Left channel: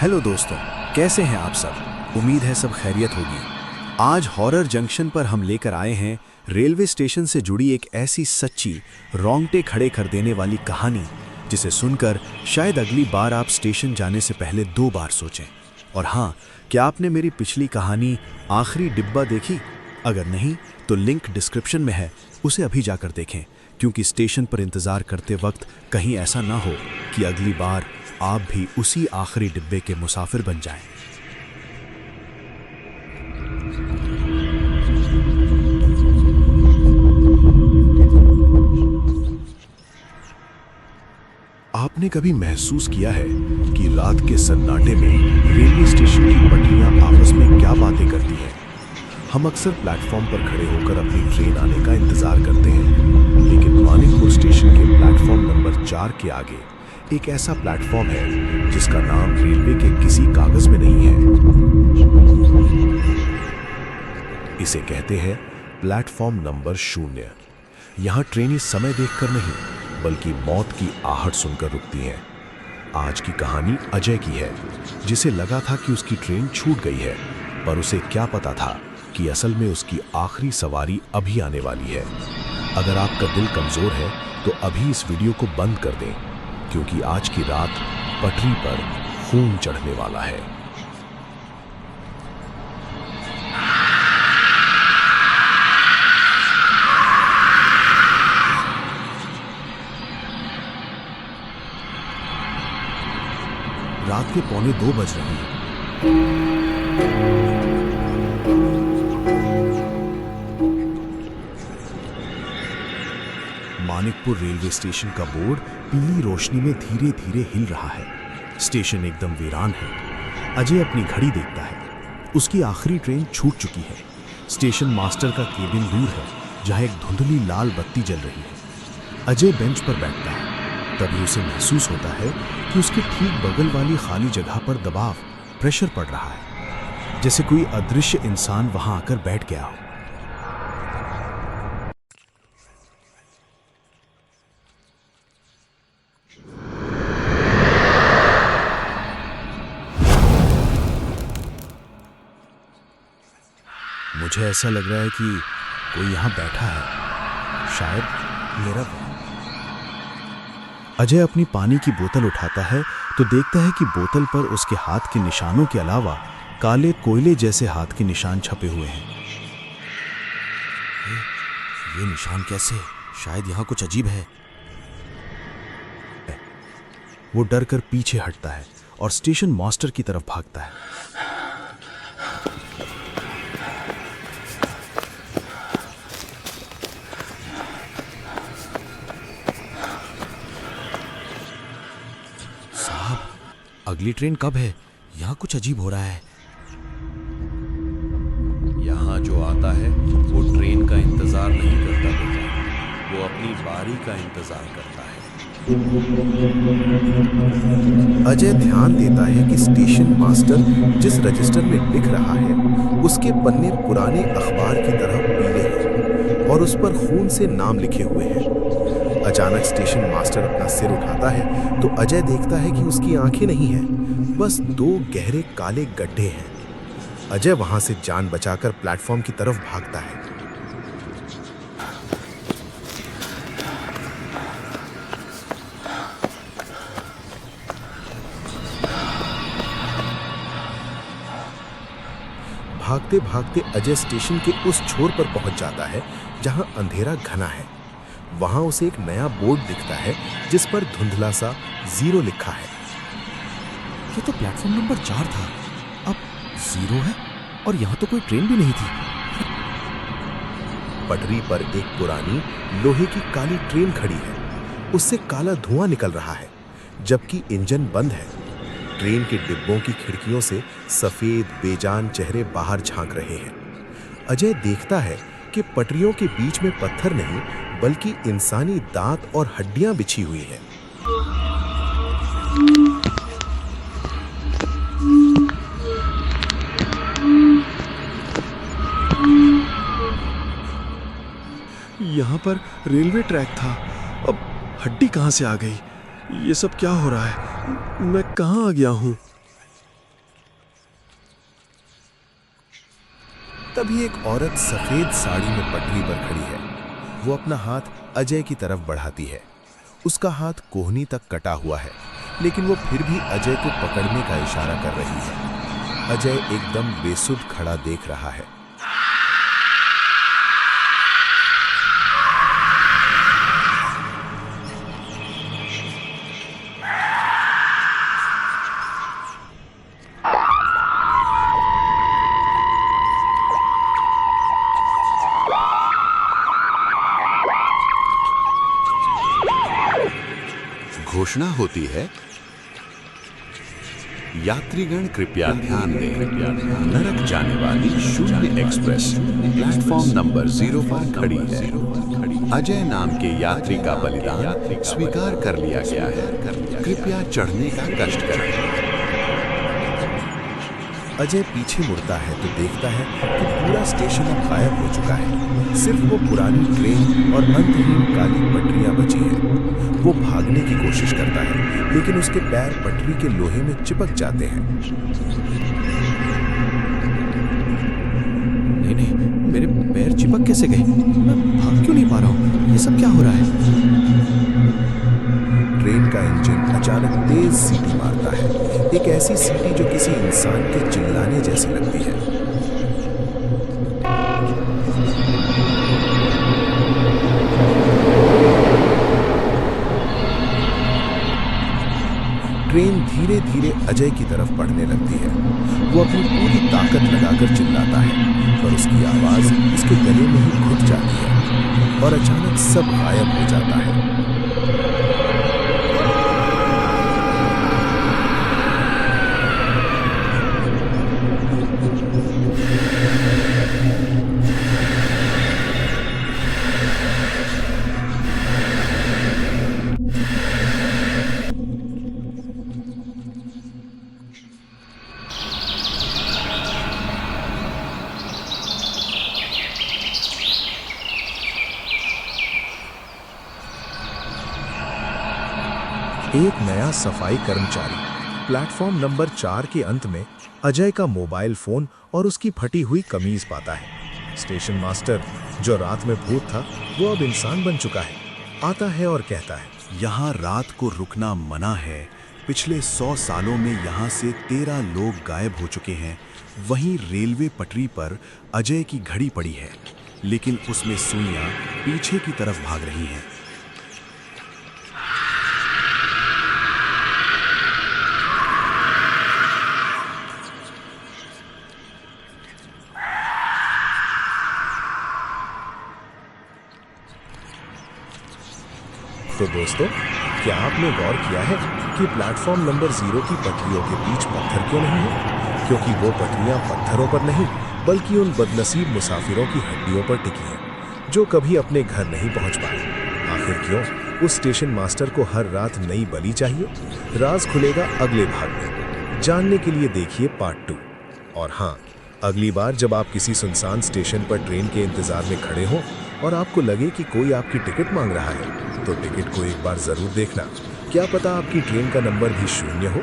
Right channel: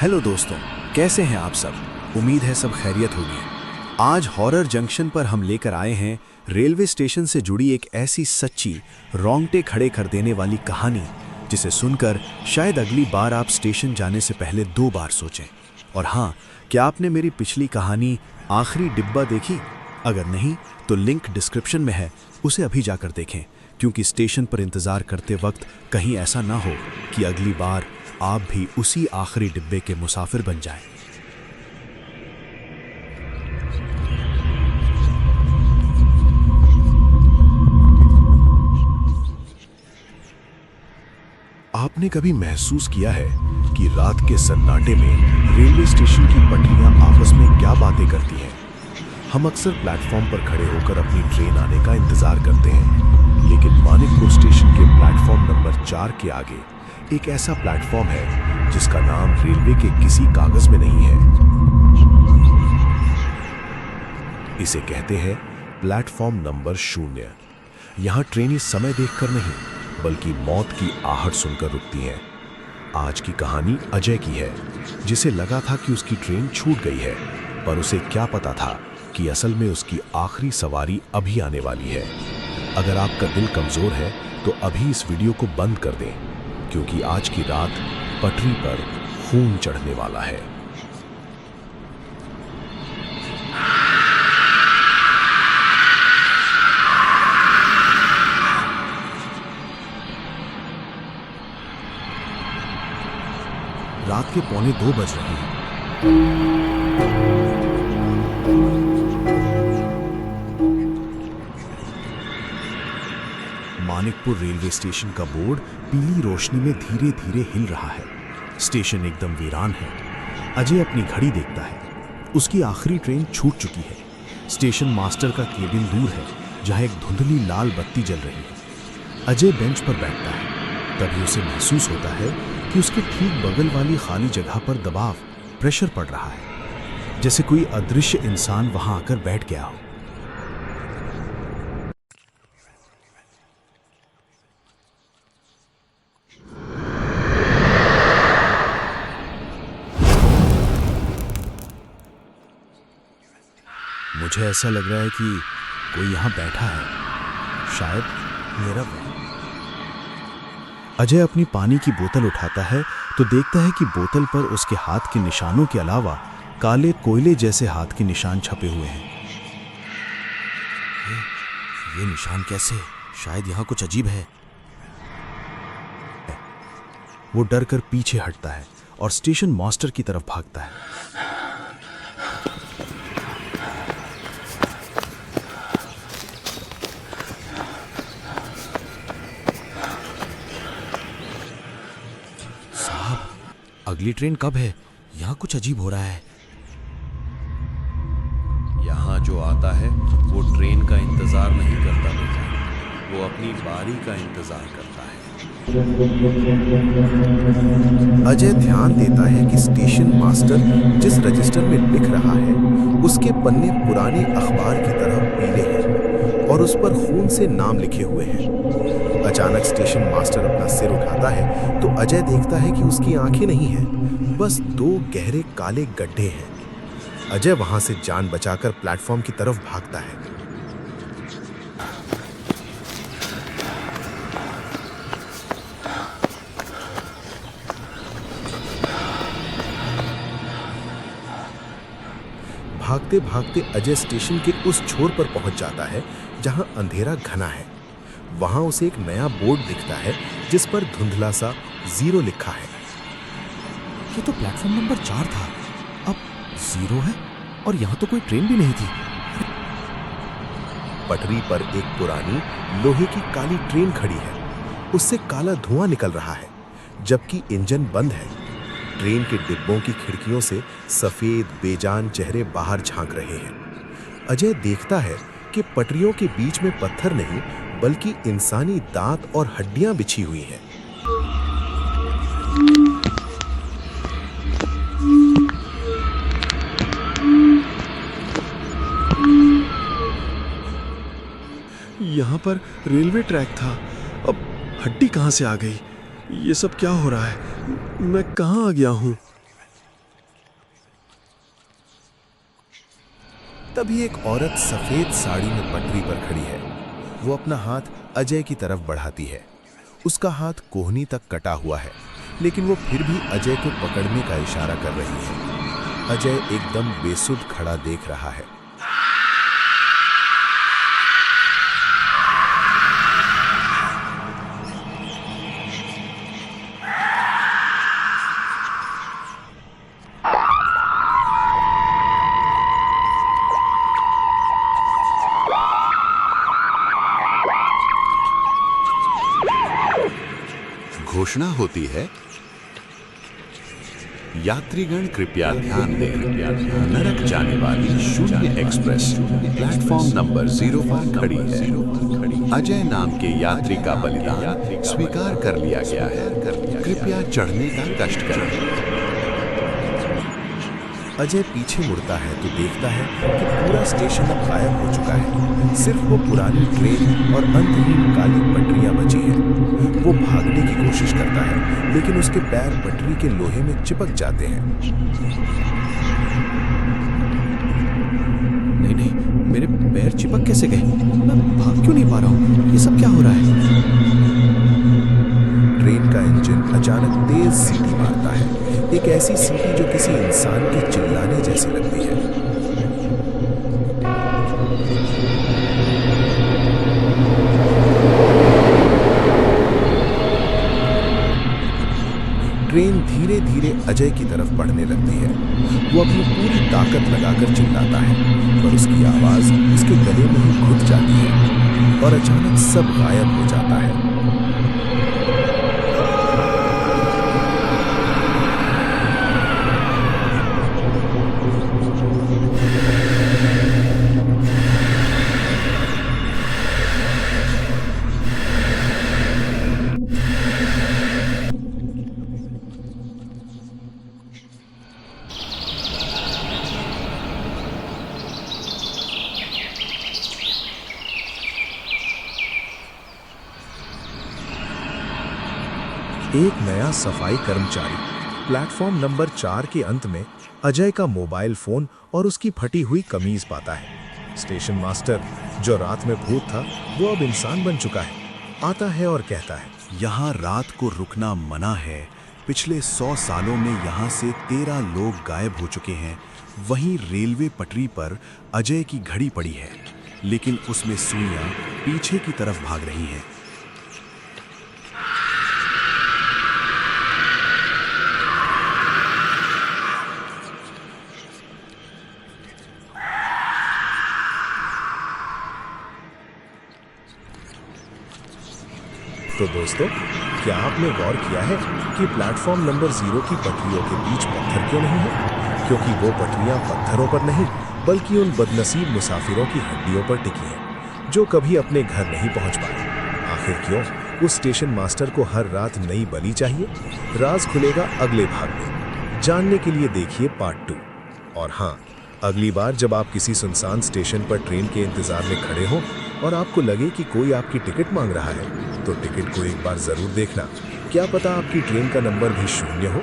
Hello दोस्तों, कैसे हैं आप सब। उम्मीद है सब खैरियत होगी। आज हॉरर जंक्शन पर हम लेकर आए हैं रेलवे स्टेशन से जुड़ी एक ऐसी सच्ची, रोंगटे खड़े कर देने वाली कहानी जिसे सुनकर शायद अगली बार आप स्टेशन जाने से पहले 2 बार सोचें। और हाँ, क्या आपने मेरी पिछली कहानी आखिरी डिब्बा देखी? अगर नहीं तो लिंक डिस्क्रिप्शन में है, उसे अभी जाकर देखें, क्योंकि स्टेशन पर इंतज़ार करते वक्त कहीं ऐसा ना हो कि अगली बार आप भी उसी आखिरी डिब्बे के मुसाफिर बन जाएं। आपने कभी महसूस किया है कि रात के सन्नाटे में रेलवे स्टेशन की पटरियां आपस में क्या बातें करती हैं? हम अक्सर प्लेटफॉर्म पर खड़े होकर अपनी ट्रेन आने का इंतजार करते हैं, लेकिन मानिकपुर स्टेशन के प्लेटफॉर्म नंबर 4 के आगे एक ऐसा प्लेटफॉर्म है जिसका नाम रेलवे के किसी कागज में नहीं है। इसे कहते हैं प्लेटफॉर्म नंबर 0। यहां ट्रेनें समय देखकर नहीं, बल्कि मौत की आहट सुनकर रुकती हैं। आज की कहानी अजय की है, जिसे लगा था कि उसकी ट्रेन छूट गई है, पर उसे क्या पता था कि असल में उसकी आखिरी सवारी अभी आने वाली है। अगर आपका दिल कमजोर है तो अभी इस वीडियो को बंद कर दें, क्योंकि आज की रात पटरी पर खून चढ़ने वाला है। रात के 1:45 बज रहे हैं। मानिकपुर रेलवे स्टेशन का बोर्ड पीली रोशनी में धीरे धीरे हिल रहा है। स्टेशन एकदम वीरान है। अजय अपनी घड़ी देखता है। उसकी आखिरी ट्रेन छूट चुकी है। स्टेशन मास्टर का केबिन दूर है, जहां एक धुंधली लाल बत्ती जल रही है। अजय बेंच पर बैठता है। तभी उसे महसूस होता है कि उसके ठीक बगल वाली खाली जगह पर दबाव, प्रेशर पड़ रहा है, जैसे कोई अदृश्य इंसान वहां आकर बैठ गया हो। मुझे ऐसा लग रहा है कि कोई यहां बैठा है, शायद मेरा वहम। अजय अपनी पानी की बोतल उठाता है तो देखता है कि बोतल पर उसके हाथ के निशानों के अलावा काले कोयले जैसे हाथ के निशान छपे हुए हैं। ये निशान कैसे? शायद यहां कुछ अजीब है। वो डर कर पीछे हटता है और स्टेशन मास्टर की तरफ भागता है। अगली ट्रेन कब है? यहाँ कुछ अजीब हो रहा है। यहाँ जो आता है वो ट्रेन का इंतजार नहीं करता बेटा, वो अपनी बारी का इंतजार करता है। अजय ध्यान देता है कि स्टेशन मास्टर जिस रजिस्टर में लिख रहा है उसके पन्ने पुराने अखबार की तरह पीले हैं और उस पर खून से नाम लिखे हुए हैं। अचानक स्टेशन मास्टर अपना सिर उठाता है तो अजय देखता है कि उसकी आंखें नहीं हैं, बस 2 गहरे काले गड्ढे हैं। अजय वहां से जान बचाकर प्लेटफॉर्म की तरफ भागता है। भागते भागते अजय स्टेशन के उस छोर पर पहुंच जाता है जहां अंधेरा घना है। वहां उसे एक नया बोर्ड दिखता है जिस पर धुंधला सा 0 लिखा है। ये तो प्लेटफॉर्म नंबर 4 था, अब 0 है और यहां तो कोई ट्रेन भी नहीं थी। पटरी पर एक पुरानी लोहे की काली ट्रेन खड़ी है। उससे काला धुआं निकल रहा है, जबकि इंजन बंद है। ट्रेन के डिब्बों की खिड़कियों से सफेद बेजान चेहरे बाहर झांक रहे हैं। अजय देखता है कि पटरियों के बीच में पत्थर नहीं, बल्कि इंसानी दांत और हड्डियां बिछी हुई हैं। यहाँ पर रेलवे ट्रैक था, अब हड्डी कहाँ से आ गई? ये सब क्या हो रहा है? मैं कहाँ आ गया हूँ? तभी एक औरत सफेद साड़ी में पटरी पर खड़ी है। वो अपना हाथ अजय की तरफ बढ़ाती है। उसका हाथ कोहनी तक कटा हुआ है, लेकिन वो फिर भी अजय को पकड़ने का इशारा कर रही है। अजय एकदम बेसुध खड़ा देख रहा है। घोषणा होती है, यात्रीगण कृपया ध्यान दें, नरक जाने वाली शून्य एक्सप्रेस प्लेटफॉर्म नंबर 0 पर खड़ी है। अजय नाम के यात्री का बलिदान स्वीकार कर लिया गया है। कृपया चढ़ने का कष्ट करें। अजय पीछे मुड़ता है तो देखता है कि पूरा स्टेशन अब गायब हो चुका है। सिर्फ वो पुरानी ट्रेन और अंतहीन काली पटरियां बची हैं। वो भागने की कोशिश करता है, लेकिन उसके पैर पटरी के लोहे में चिपक जाते हैं। नहीं नहीं, मेरे पैर चिपक कैसे गए? मैं भाग क्यों नहीं पा रहा हूँ? ये सब क्या हो रहा है? ट्रेन का इंजन अचानक तेज सीटी मारता है। एक ऐसी सीटी जो किसी इंसान के चिल्लाने जैसी लगती है। ट्रेन धीरे धीरे अजय की तरफ बढ़ने लगती है। वो अपनी पूरी ताकत लगाकर चिल्लाता है, पर उसकी आवाज उसके गले में ही घुट जाती है और अचानक सब गायब हो जाता है। एक नया सफाई कर्मचारी प्लेटफॉर्म नंबर 4 के अंत में अजय का मोबाइल फोन और उसकी फटी हुई कमीज पाता है। स्टेशन मास्टर, जो रात में भूत था, वो अब इंसान बन चुका है। आता है और कहता है, यहाँ रात को रुकना मना है। पिछले 100 सालों में यहाँ से 13 लोग गायब हो चुके हैं। वहीं रेलवे पटरी पर अजय की घड़ी पड़ी है, लेकिन उसमें सुइयां पीछे की तरफ भाग रही हैं। तो दोस्तों, क्या आपने गौर किया है कि प्लेटफॉर्म नंबर 0 की पटरियों के बीच पत्थर क्यों नहीं है? क्योंकि वो पटरियां पत्थरों पर नहीं, बल्कि उन बदनसीब मुसाफिरों की हड्डियों पर टिकी हैं, जो कभी अपने घर नहीं पहुंच पाए। आखिर क्यों उस स्टेशन मास्टर को हर रात नई बलि चाहिए? राज खुलेगा अगले भाग में। जानने के लिए देखिए पार्ट 2। और हाँ, अगली बार जब आप किसी सुनसान स्टेशन पर ट्रेन के इंतजार में खड़े हों और आपको लगे कि कोई आपकी टिकट मांग रहा है, तो टिकट को एक बार जरूर देखना। क्या पता आपकी ट्रेन का नंबर भी 0 हो।